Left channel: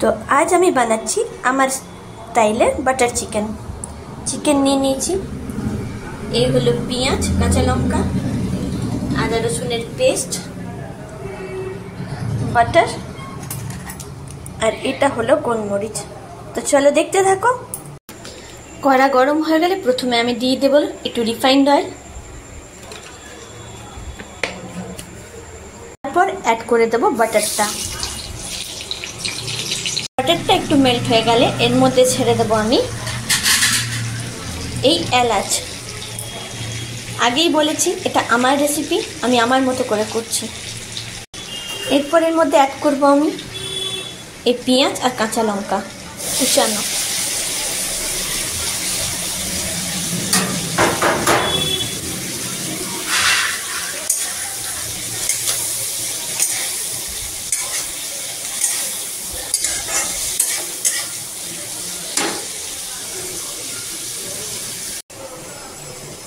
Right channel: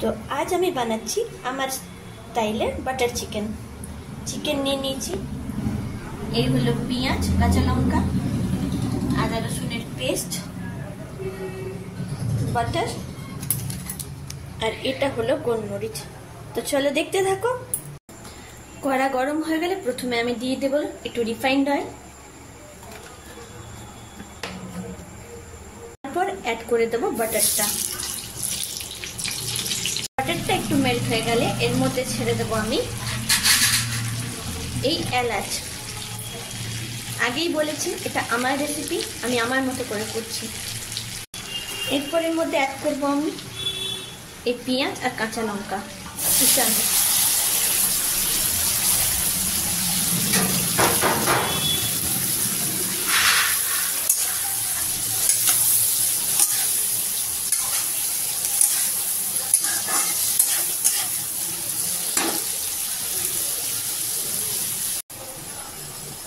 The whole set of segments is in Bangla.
তো আজ আমি বানাচ্ছি আমার স্টাইলের বাটার চিকেন। চিকেন নিয়ে নিয়েছি, এই হলো পেঁয়াজ, কাঁচা লঙ্কা, আদা রসুনের পেস্ট, বাটার, আর এটা হলো গোলমরিচ। তো চলো দেখতে থাকো। কড়া গরম হয়ে গেলে প্রথমে আমি দিয়ে দেব একটু রিফাইন্ড অয়েল, তারপর অ্যাড করে দেব বাটারটা। বাটারটা একটু মেল্ট হয়ে গেলে এর মধ্যে ছেড়ে দেব আমি এই এলাচ। আগেই বলেছি এটা আমার রেসিপি, আমি আমার মতো করে করছি। এরপর এর মধ্যে অ্যাড করব আমি এই পেঁয়াজ আর কাঁচা লঙ্কা কুচানো।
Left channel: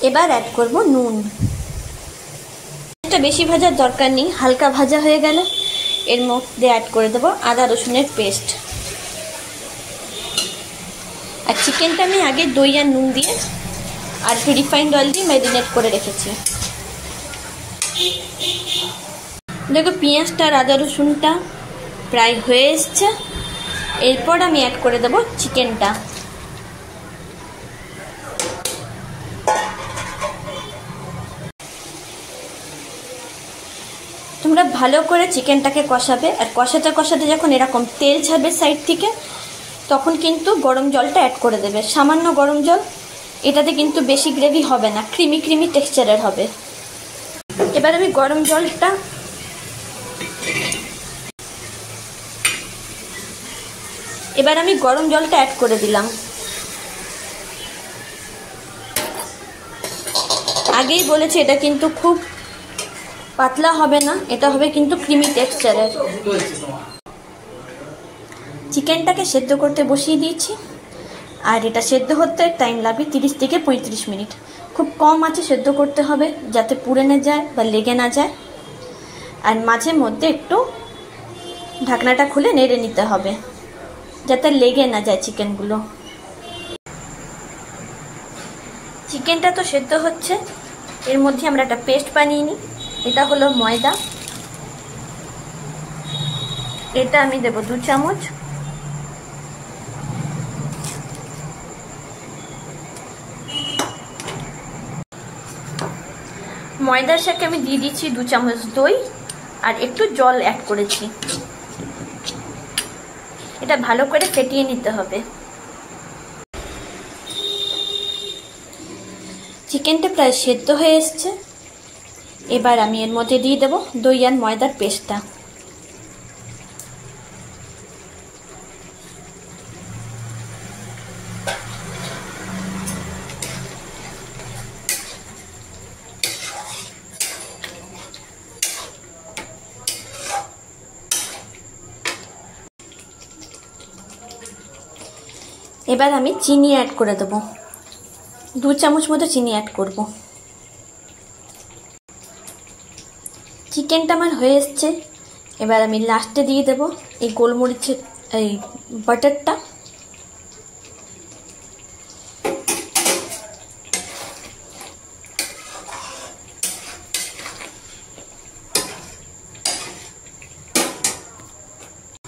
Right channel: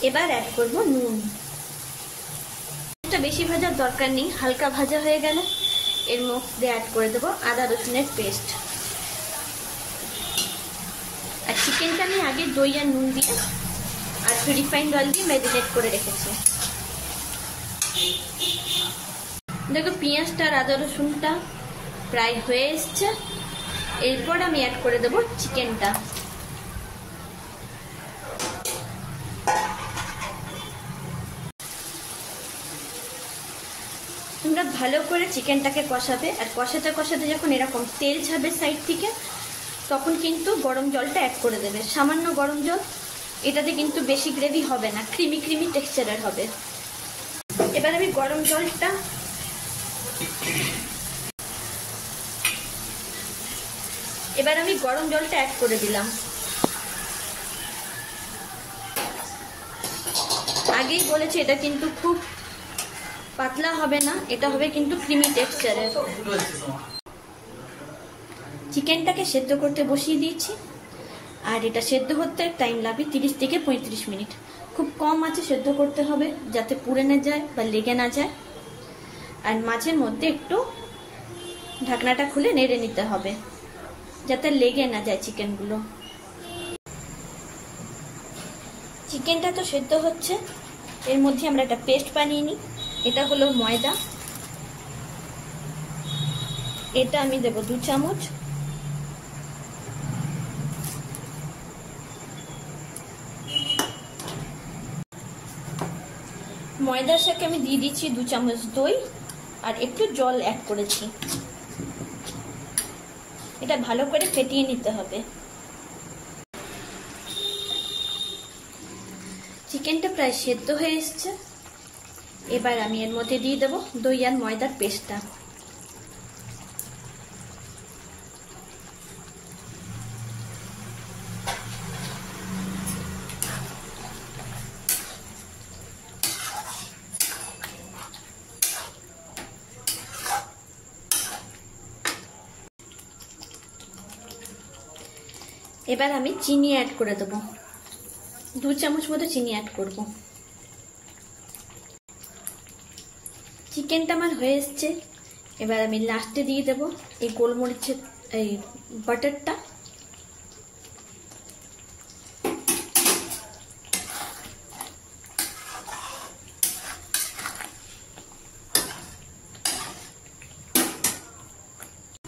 এবার অ্যাড করব নুন। এটা বেশি ভাজার দরকার নেই, হালকা ভাজা হয়ে গেলে এর মধ্যে অ্যাড করে দেব আদা রসুনের পেস্ট। আর চিকেনটা আমি আগে দই আর নুন দিয়ে আর একটু রিফাইন্ড অয়েল দিয়ে ম্যারিনেট করে রেখেছি। দেখো পেঁয়াজটা আর আদা রসুনটা প্রায় হয়ে এসছে। এরপর আমি অ্যাড করে দেব চিকেনটা। তোমরা ভালো করে চিকেনটাকে কষাবে, আর কষাতে কষাতে যখন এরকম তেল ছাড়বে সাইড থেকে তখন কিন্তু গরম জলটা অ্যাড করে দেবে, সামান্য গরম জল। এটাতে কিন্তু বেশি গ্রেভি হবে না, ক্রিমি ক্রিমি টেক্সচারের হবে। এবার আমি গরম জলটা অ্যাড করে দিলাম। আগেই বলেছি এটা কিন্তু খুব পাতলা হবে না, এটা হবে কিন্তু ক্রিমি টেক্সচারের। চিকেনটাকে সেদ্ধ করতে বসিয়ে দিয়েছি, আর এটা সেদ্ধ হতে টাইম লাগবে 30 থেকে 35 মিনিট। খুব কম আঁচে সেদ্ধ করতে হবে যাতে পুড়ে না যায় বা লেগে না যায়। আর মাঝে মধ্যে একটু ঢাকনাটা খুলে নেড়ে নিতে হবে যাতে লেগে না যায় চিকেনগুলো। চিকেনটা তো সেদ্ধ হচ্ছে, এর মধ্যে আমরা একটা পেস্ট বানিয়ে নিই। এটা হলো ময়দা, এটা আমি দেব 2 চামচ। ময়দার সাথে আমি দিয়ে দিচ্ছি 2 চামচ দই আর একটু জল অ্যাড করেছি। এটা ভালো করে ফেটিয়ে নিতে হবে। চিকেনটা প্রায় সেদ্ধ হয়ে এসছে। এবার আমি এর মধ্যে দিয়ে দেব দই আর ময়দার পেস্টটা। এবার আমি চিনি অ্যাড করে দেব, 2 চামচ মতো চিনি অ্যাড করব। চিকেনটা আমার হয়ে এসছে। এবার আমি লাস্টে দিয়ে দেব এই গোলমরিচের এই বাটারটা।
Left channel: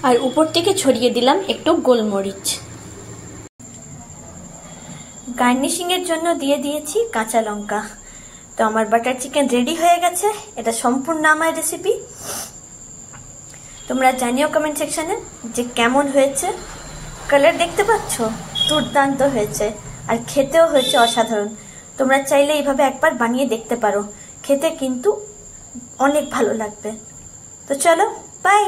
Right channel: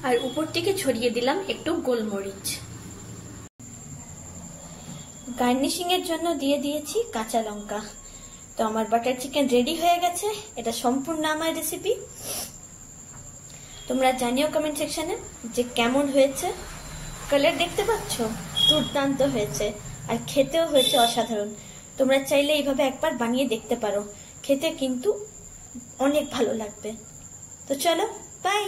আর উপর থেকে ছড়িয়ে দিলাম একটু গোলমরিচ। গার্নিশিং এর জন্য দিয়ে দিয়েছি কাঁচা লঙ্কা। তো আমার বাটার চিকেন রেডি হয়ে গেছে। এটা সম্পূর্ণ আমার রেসিপি। তোমরা জানিও কমেন্ট সেকশনে যে কেমন হয়েছে। কালার দেখতে পাচ্ছ, দুর্দান্ত হয়েছে, আর খেতেও হয়েছে অসাধারণ। তোমরা চাইলে এইভাবে একবার বানিয়ে দেখতে পারো, খেতে কিন্তু অনেক ভালো লাগবে। তো চলো, বাই।